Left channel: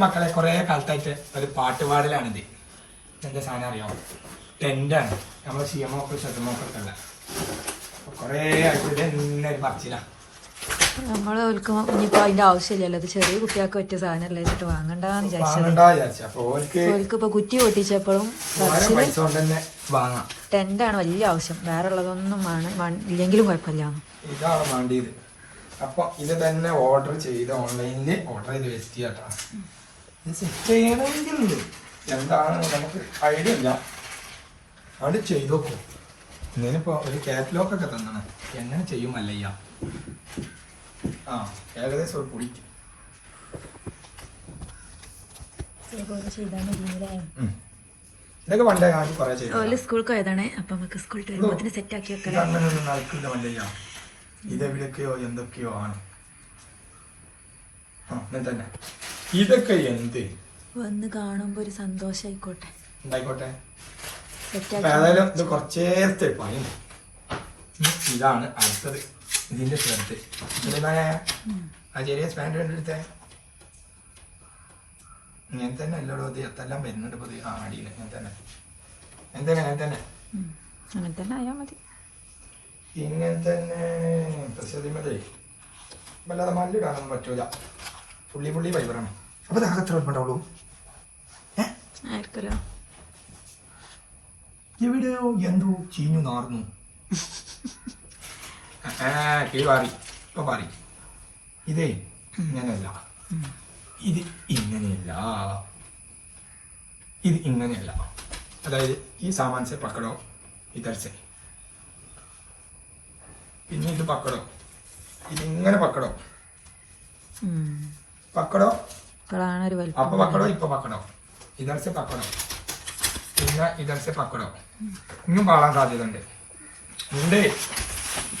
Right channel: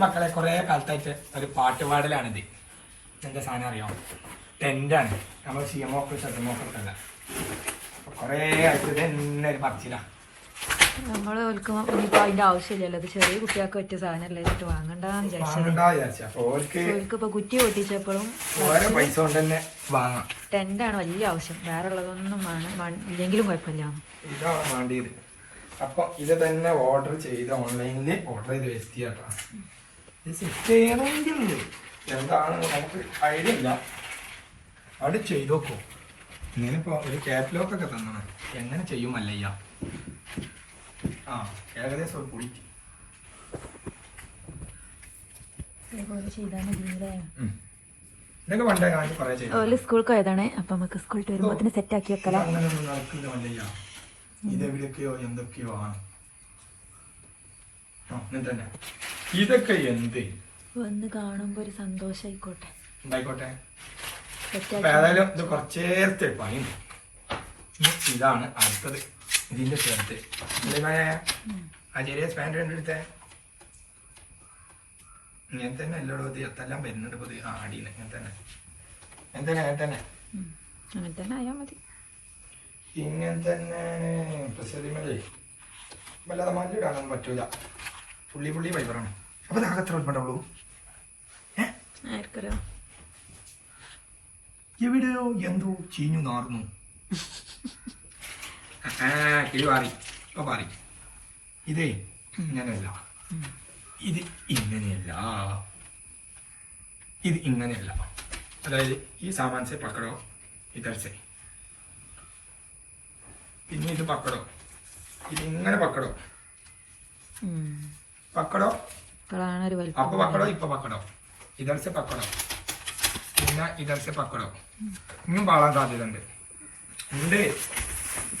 മക്കളെ കുറേ കാലത്തായിട്ട് ഒരു പാട്ടുപാടലാണിത്. എന്താ സാധനം അറിയാമോ? ടെൻ്റാണ്. നമ്മൾ സിയമോക്ക് ഷെർമോക്കൊക്കെ ഉള്ള കുറേ ആയിട്ട് ഇത് തന്നെ ഒരു പറച്ചിലാണ്. നമ്മൾ ഇനിയിപ്പോ അതിന്റെ ആവശ്യമില്ലല്ലോ. അത് ചെറിയ കുട്ടികൾക്ക് പറ്റിയ സാധനം വെച്ചിട്ട് വാങ്ങണ്ടെന്ന് വിചാരിച്ചത്. ഇപ്പൊ കുറ്റി പൊട്ടിച്ചപ്പോഴും പൈസ കൊണ്ട് തന്നെ വാങ്ങാം. ടെന്റാണ് വലിയ ആവശ്യം. വേറെ ഉള്ളതൊന്നും ഇല്ലെങ്കിലും കുഴപ്പമില്ല. ഇതാണ് വേണ്ടിയത്. അപ്പൊ ഇത് തന്നെ ഓർഡർ ചെയ്ത് ഓൺലൈനിൽ ഓർഡർ ചെയ്ത് വെസ്റ്റ് ചെയ്യാട്ടോ. ഇത് സെറ്റ് ചെയ്യണമെങ്കിൽ എന്താണ് നമുക്ക് ഐഡിയ ഇല്ല. അത് ചെയ്ത് നോക്കും. ഞാനിപ്പോ ഒരു കാറ്റലോഗൊക്കെ തന്നാണ് എങ്ങനെ ചെയ്യും അല്ലയ്യ. ആ ഏകദേശം ഒരു പൊടി ഇതൊക്കെ പണ്ടേ ഞാൻ കുറെ ചെയ്തു. സ്കൂൾക്ക് പോയതാണ്. അപ്പൊ നമുക്ക് സ്കൂളിൽ വരുമ്പോൾ സെറ്റ് ആക്കി വെക്കാം. അങ്ങനെയൊന്നും നടക്കില്ല മല്ലയ്യ. ഇതെവിടെയൊക്കെയോ എന്തൊക്കെയോ ആണ്. തന്നെ ഇതൊക്കെ എന്ത് വന്ന് കാണുമ്പോ ഒരു സന്തോഷായിക്കോട്ടെ. ഉണ്ടായിക്കോട്ടെ. ഏതായാലും ഇത് കുറച്ചേരത്തെ പണിയും. ഇതാണ് അടുത്തത്. ഇതിന്റെ ചേർത്ത് ആ ചെറിയ സ്പാൻഡ് കണ്ടെടുത്തേ. ഞാൻ തന്നെ അല്ലോടോ ഇത് എത്തെല്ലാം വരുന്നുണ്ട്. ഇപ്പൊ അടിയില്ല. ഞാൻ തന്നെ അങ്ങനെ തന്നെ ആയാ മതി. ഇങ്ങനെ തന്നെയാണ് പ്രസിദ്ധമല്ലേ. വല്ലാതെ മല്ലിടാനൊന്നും പറ്റൂല. പുള്ളി ഫൈബറാണ്. അപ്പൊ നമുക്ക് എത്ര ഉൾപ്പെടാവുള്ളൂ? എവിടെയോ എന്തോ ചീഞ്ഞു നാർന്നു. കിളി പാറി. ഇപ്പൊ പാറി. ഇതേ ഇങ്ങനെയല്ല. ഇത് ഇങ്ങനെയല്ല. ഇത് ഇങ്ങനെയല്ല. അതായത് ഈ സാമാൻസെ പക്കടോ ഇതർസെ. പിന്നെ ഇത് പക്കടോ. ഇതിങ്ങനെ പക്കടോ. പക്കടോ അപ്പൊ പക്കടോ ഇപ്പൊ പക്കടോ. ഇതർസെ പക്കടോ. പിന്നെ ഇതർസെ പക്കടോ. ഇനിയും പാളാൻ സാധ്യത ഉണ്ട്.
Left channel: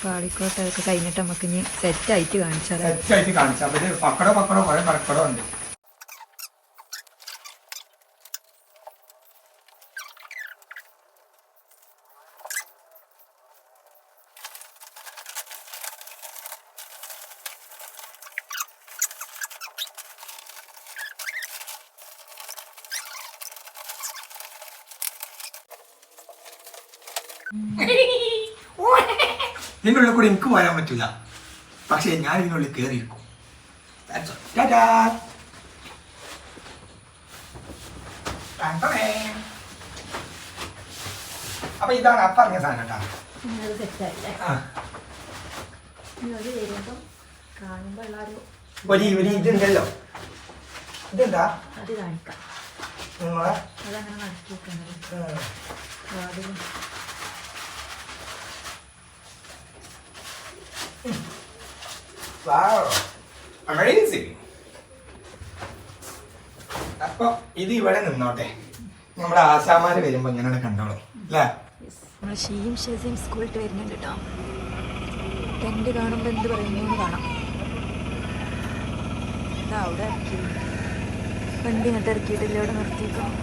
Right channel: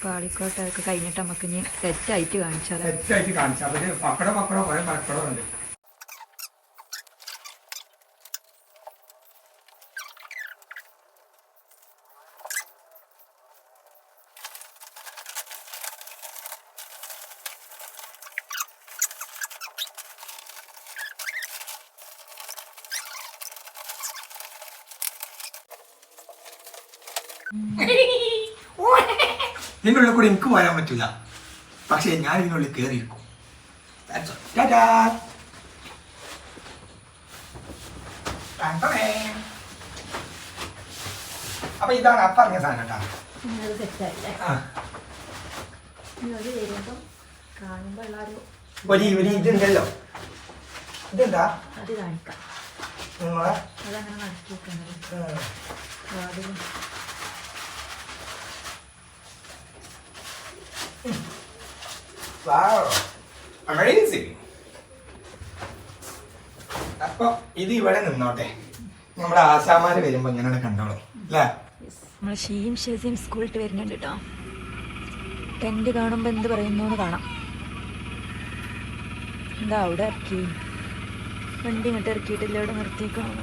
പാളിക്കോട്ടെ. അതൊക്കെ കഴിഞ്ഞിട്ട് നമുക്ക് ഇനി സെറ്റായിട്ട് കാണിച്ചാൽ അവര് പക്കടോ കുറെ പക്കടോ ഉണ്ട്. ഇതിനുള്ളിൽ കൂടി എനിക്ക് പോരാൻ പറ്റില്ല. പക്ഷേ ഞാൻ ഇതിനുള്ളിൽ കയറിയിരിക്കും. അപ്പൊ ഇതാണ് പറഞ്ഞ സാധനം കേട്ടോ. ഇതുണ്ടല്ലോ. ഇതെന്താ അത് കാണിക്കാം. അതങ്ങനെ നടക്കി വെക്കുന്നത്. അപ്പൊ ഇത് ഇവിടെ നിന്നോട്ടെ. നമ്മുടെ ആശാമാര് വരുമ്പോ ഇങ്ങനെ കണ്ടോളൂ അല്ലേ? നമ്മള് ഷീയും ഷെസിയും സ്കൂളിട്ട് വരുന്നുണ്ട് കേട്ടോ. ടെന്റ് കാണുമ്പോ എന്ത് പറയുന്നു കാണാം. എന്താ അവിടെ ഇറക്കി വണ്ടി ഇങ്ങോട്ട് ഇറക്കിയിട്ടില്ല. ഇവിടെ നിർത്തിക്കണം.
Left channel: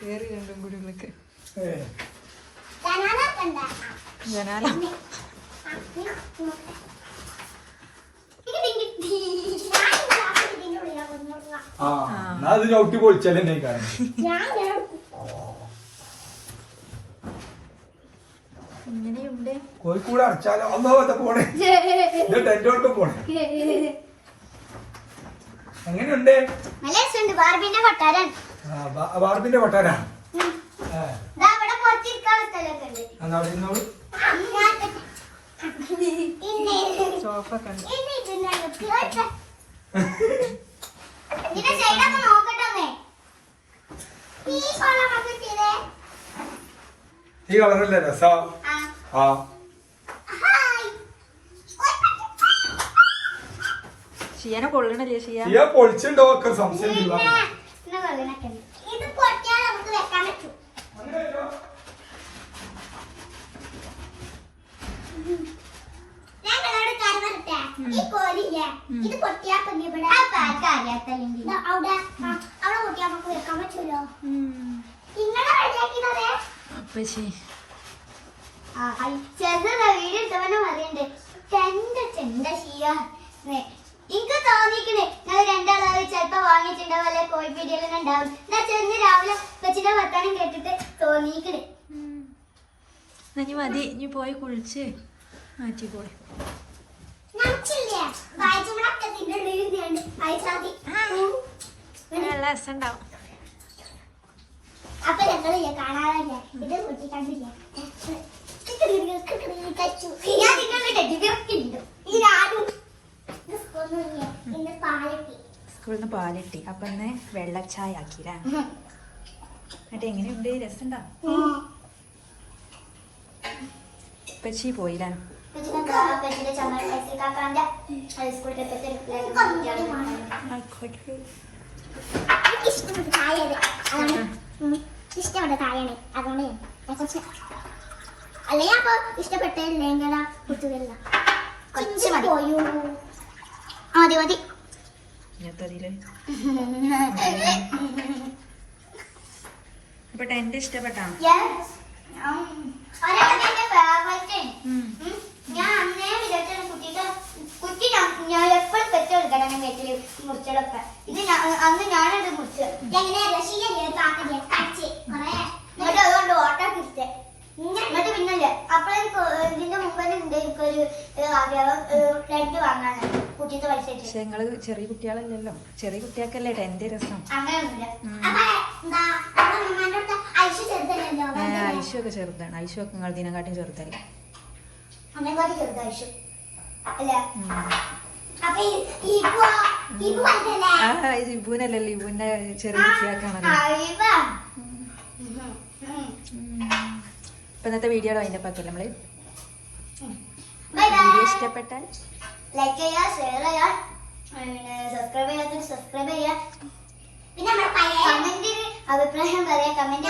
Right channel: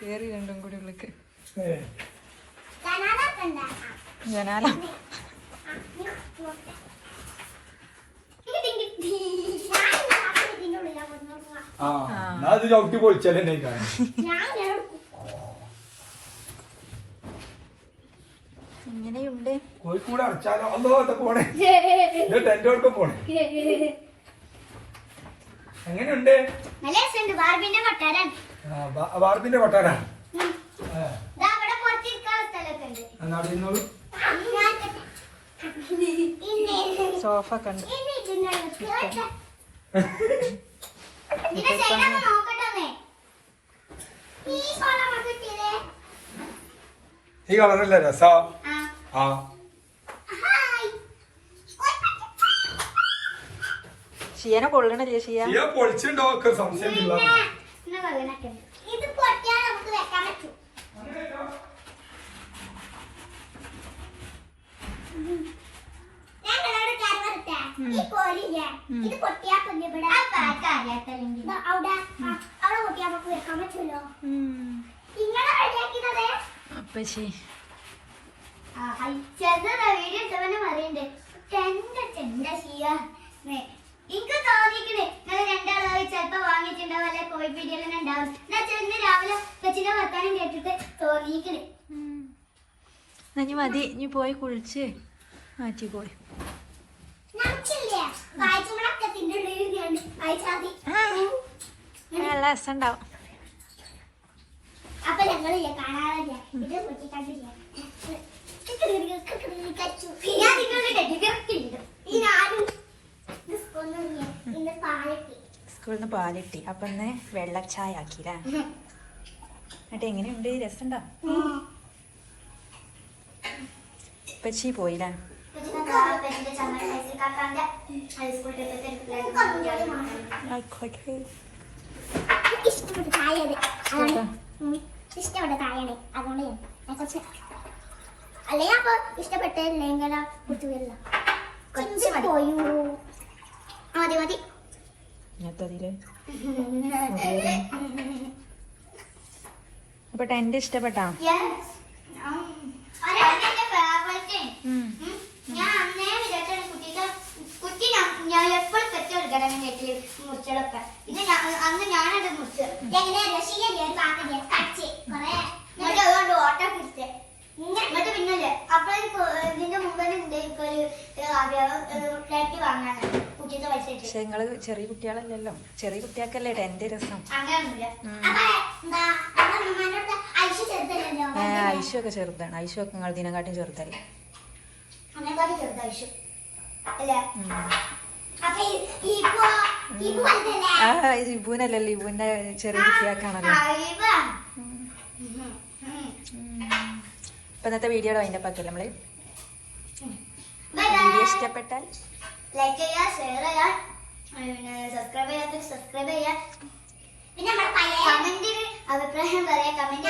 കേറി രണ്ടും കൂടി ഉള്ളിക്ക് ജനാല. അത് ചവിട്ടി പൊളിച്ചാലേ കാണും. ഇങ്ങനെയുണ്ട്. കോഴിക്കൂട് അടച്ചാലോ? അല്ലോ പോണേ. ടെന്റോടൊക്കെ പോണേ. എങ്ങനെയുണ്ട്? ബാർബിന്റെ കൊട്ടാരാ. സോഫ കണ്ടു. ഈ കളറല്ലേ രസം? ആ ഷിയനെ കൊള്ളണല്ലേ? ഷിയ പൊളിച്ചുണ്ടോ? സംശയം ഇത് പൊട്ടിയാ പിന്നെ ഇവിടെ ദാ അവിടെ പൊട്ടിയാ നമുക്ക് വെക്കാൻ പറ്റുമല്ലോ. ഇങ്ങനെ റെഡിയാക്കിയതേ അപ്പച്ചി വീഡിയോ ഇട്ടവനെ പറയണ്ടേ ചെണ്ട ചെയ്യാ എനിക്ക് തോന്നിക്കണേ നിങ്ങൾ രണ്ടാളായി ചിലപ്പോ വാങ്ങിയിട്ടുണ്ടാവും അല്ലെ കോഴി പീടികയിൽ ഉണ്ടാവും. എന്നാ ചെന്ന് രാവിലെ കൊച്ചിന്റെ വർത്താനം കേട്ടിട്ട് തോന്നിക്കണേ. ഇനി മതി, ഇനി പോയി കുളിച്ച് മാറ്റിക്കോളി. നല്ല രസമുണ്ടാവും. അപ്പൊ ഞങ്ങള് കാണാറില്ല ഇത് കുട്ടി കണ്ടില്ല. സ്കൂളിൽ നിന്ന് പാലിട്ടി അപ്പൊ ഇന്ന് വെള്ളച്ചായ ആക്കിയില്ലേ? എന്നിട്ട് എങ്ങനെയുണ്ട്? രസമുണ്ടോ? പച്ചി പോയില്ലേ? ഇഷ്ടപ്പെട്ട തായാണ് അതുകൊണ്ട് അല്ലേ അപ്പൊ ഇഷ്ടപ്പെട്ടില്ലെങ്കിൽ കുട്ടികളില്ല പോയൂ. മതി മതി. അപ്പൊ ടെന്റ് ഇഷ്ടപ്പെട്ടാ? ഞാൻ അന്നേ വിചാരിച്ച കുട്ടി ഞാൻ എപ്പോഴും പെട്ടെടുക്കണം വീട്ടില് മുറിച്ചതൊക്കെ. ഇത് അന്ന് ഞാനത് മുറിച്ച് അതുകൊണ്ട് ഓട്ടോ തിരിച്ചേ എന്നിട്ട് പിന്നല്ലേ അപ്പോഴേക്ക് ഇതിന്റെ മുമ്പിൽ ഒരു ആഗ്രഹം ടെന്റ് വാങ്ങാനാണ് കുട്ടീന്റെ പൈസ. പക്ഷെ നിങ്ങള് ചെറിയ കുട്ടികളല്ലല്ലോ, ചെറിയ കുട്ടികൾക്കല്ലേ ടെന്റ് രസം. അങ്ങനെയൊന്നുമില്ല. ഐഷു ഒക്കെ ചെറുതാണ്. ഐഷു ഒക്കെ നിങ്ങൾ ഇതിനെക്കാട്ടും ചെറുതല്ലേ? ഇബൂനല്ലല്ലോ, ഇബൂന്റെ ചെറിയ കുട്ടിയാക്കാണല്ലോ. ഇപ്പൊ ഇന്നത്തെ വീഡിയോ അതിന്റെ പക്കല്ലേ നമ്മള്. വീഡിയോ ഇഷ്ടപ്പെട്ടാൽ ലൈക്ക് ചെയ്യാ, ഷെയർ ചെയ്യാ, സബ്സ്ക്രൈബ് ചെയ്യാത്ത സബ്സ്ക്രൈബ് ചെയ്യാ. പിന്നെ കമന്റിൽ അഭിപ്രായം പറയാ. കമന്റ്